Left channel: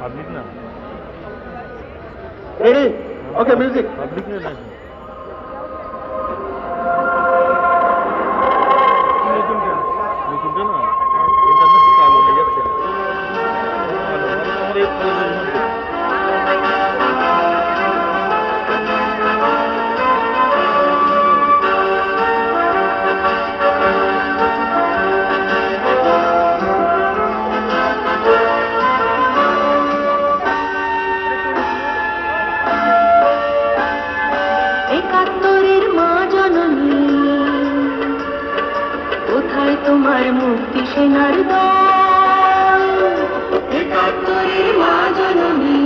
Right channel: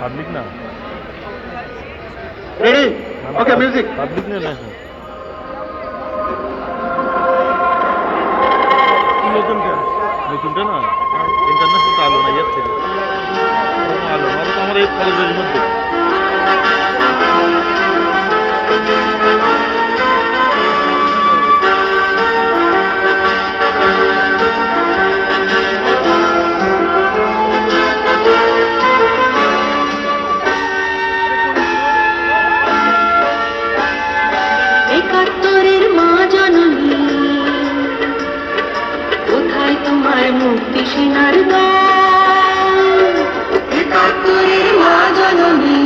Public না ready okay music public না নতুনটা না ইন্টারন্যাশনাল আলো না ইয়ার থেকে আলো তোমার এই কলেজের মধ্যে একাত্তরের মা জননী কোথায় তোমার মুক্তি সেনার গান? একাত্তরের মা জননী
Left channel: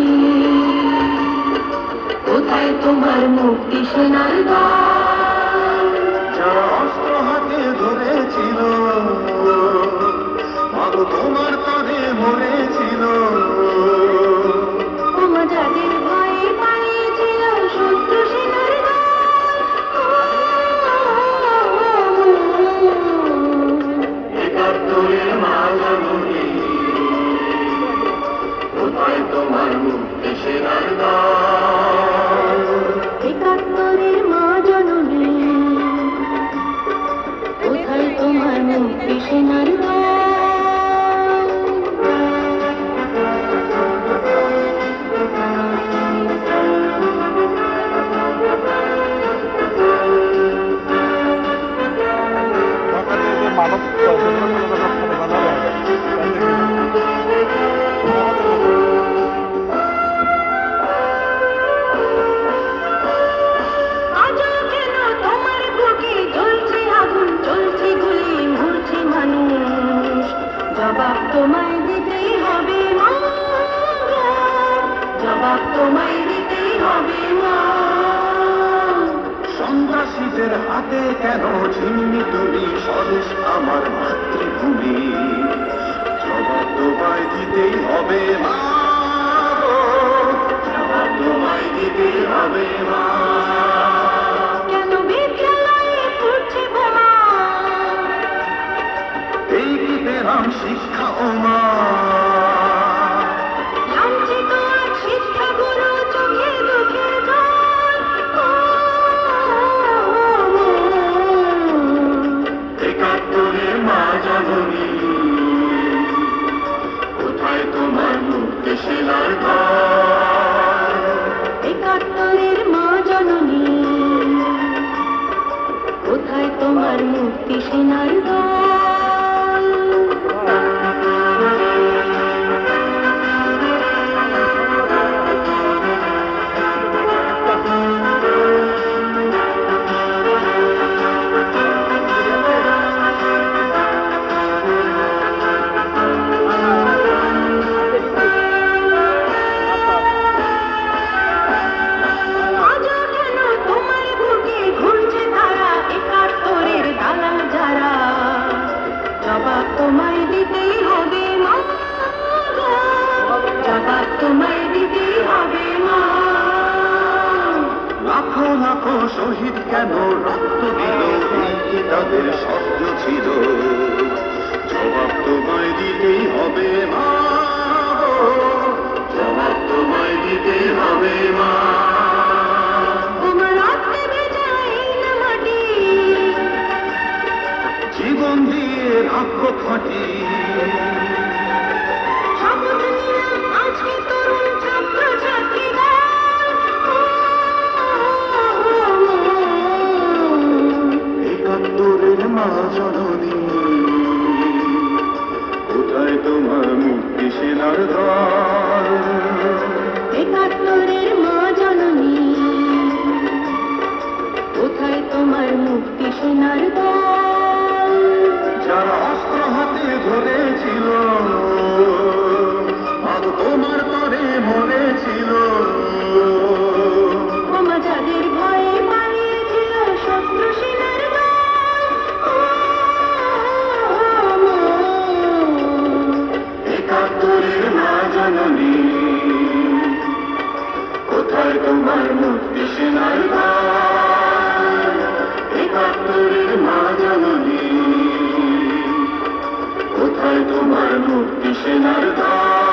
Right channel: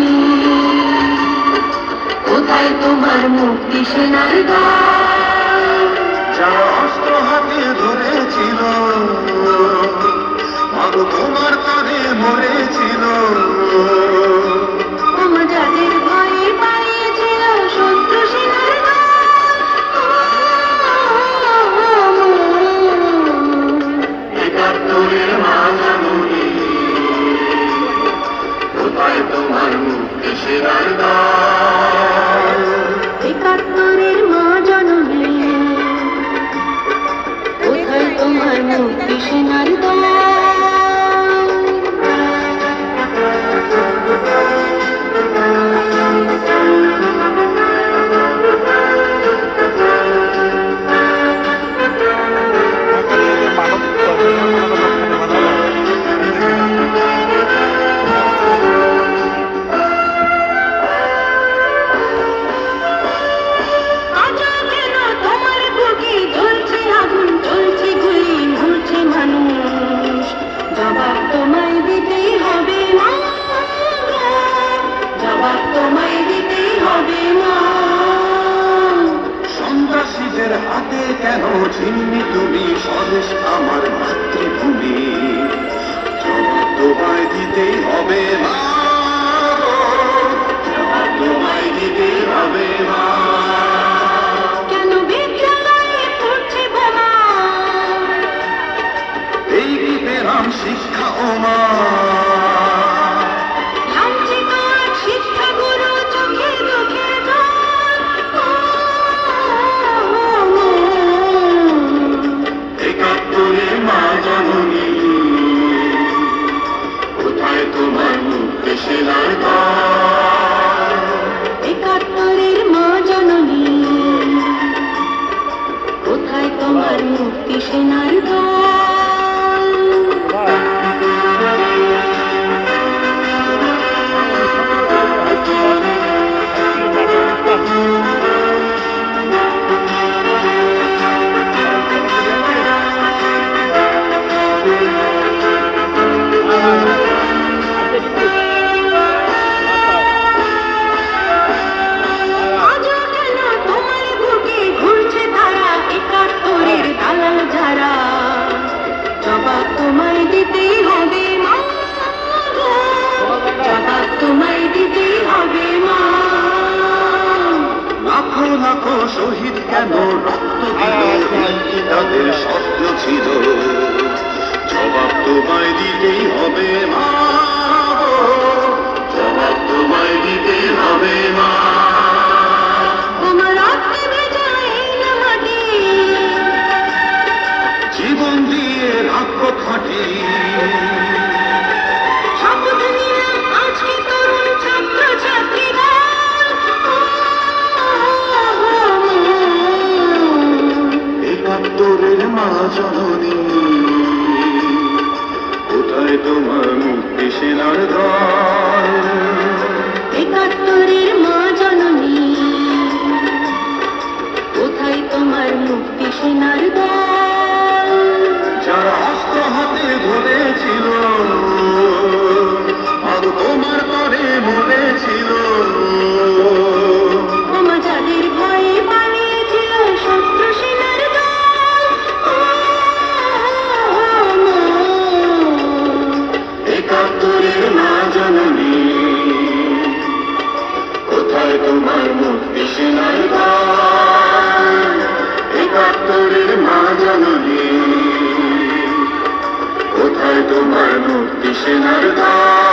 কোথায় তোমার মুক্তি সেনার গান? যারা অস্ত্র হাতে ধরেছিল মাগো তোমার তরে মরেছিল তোমা যাদের ভয়ে পালিয়েছিল শত্রু সেনার একাত্তরের মা জননী কোথায় তোমার মুক্তি সেনার গান? একাত্তরের মা জননী কোথায় তোমার মুক্তি সেনার গান? মানব খাতে বানালো আজও কেন তোমার বুকে জ্বলছে আগুন, জ্বলছে গুলি, ঝুলছে মানুষ? জবাব তোমায় দিতেই হবে মা, জবাব তোমায় দিতেই হবে মা। সন্ত্রাসীদের হাতে কেন ছিন্নি তুমি স্বদেশ আমার মাতৃভূমি জবাব তোমায় দিতেই হবে মা জবাব তোমায় দিতেই হবে মা কেন বিদ্যালয়ে পড়ছে বোমা? এই কি পেলাম শিক্ষা ও মা লাঞ্ছিত এক শিক্ষাগুরু চোখে চোখে একাত্তরের মা জননী কোথায় তোমার মুক্তি সেনার গান? একাত্তরের মা জননী কোথায় তোমার মুক্তি সেনার গান? আজও কেন তোমার বুকে ঘুরছে তারা, একাত্তরের দালাল যারা? জবাব তোমায় দিতেই হবে মা, জবাব তোমায় দিতেই হবে মা। লাখো লাখো শহীদ কেন রক্ত দিল কি তাদের স্বপ্ন ছিল জবাব তোমায় দিতেই হবে মা জবাব তোমায় দিতেই হবে মা তোমার রক্তে ভেজা এই না মাটি, জীবন দিয়ে রাখবো খাটি শপথ নিলাম আজকে তরুণ ছাত্র ছাত্রীরা। একাত্তরের মা জননী কোথায় তোমার মুক্তি সেনার গান? একাত্তরের মা জননী কোথায় তোমার মুক্তি সেনার গান? যারা অস্ত্র হাতে ধরেছিল আর তোমার পরে মরেছিল তোমা যাদের ভয়ে পালিয়েছিল শত্রু সেনার গান। একাত্তরের মা জননী কোথায় তোমার মুক্তি সেনার গান? একাত্তরের মা জননী কোথায় তোমার তোমার মুক্তি সেনার গান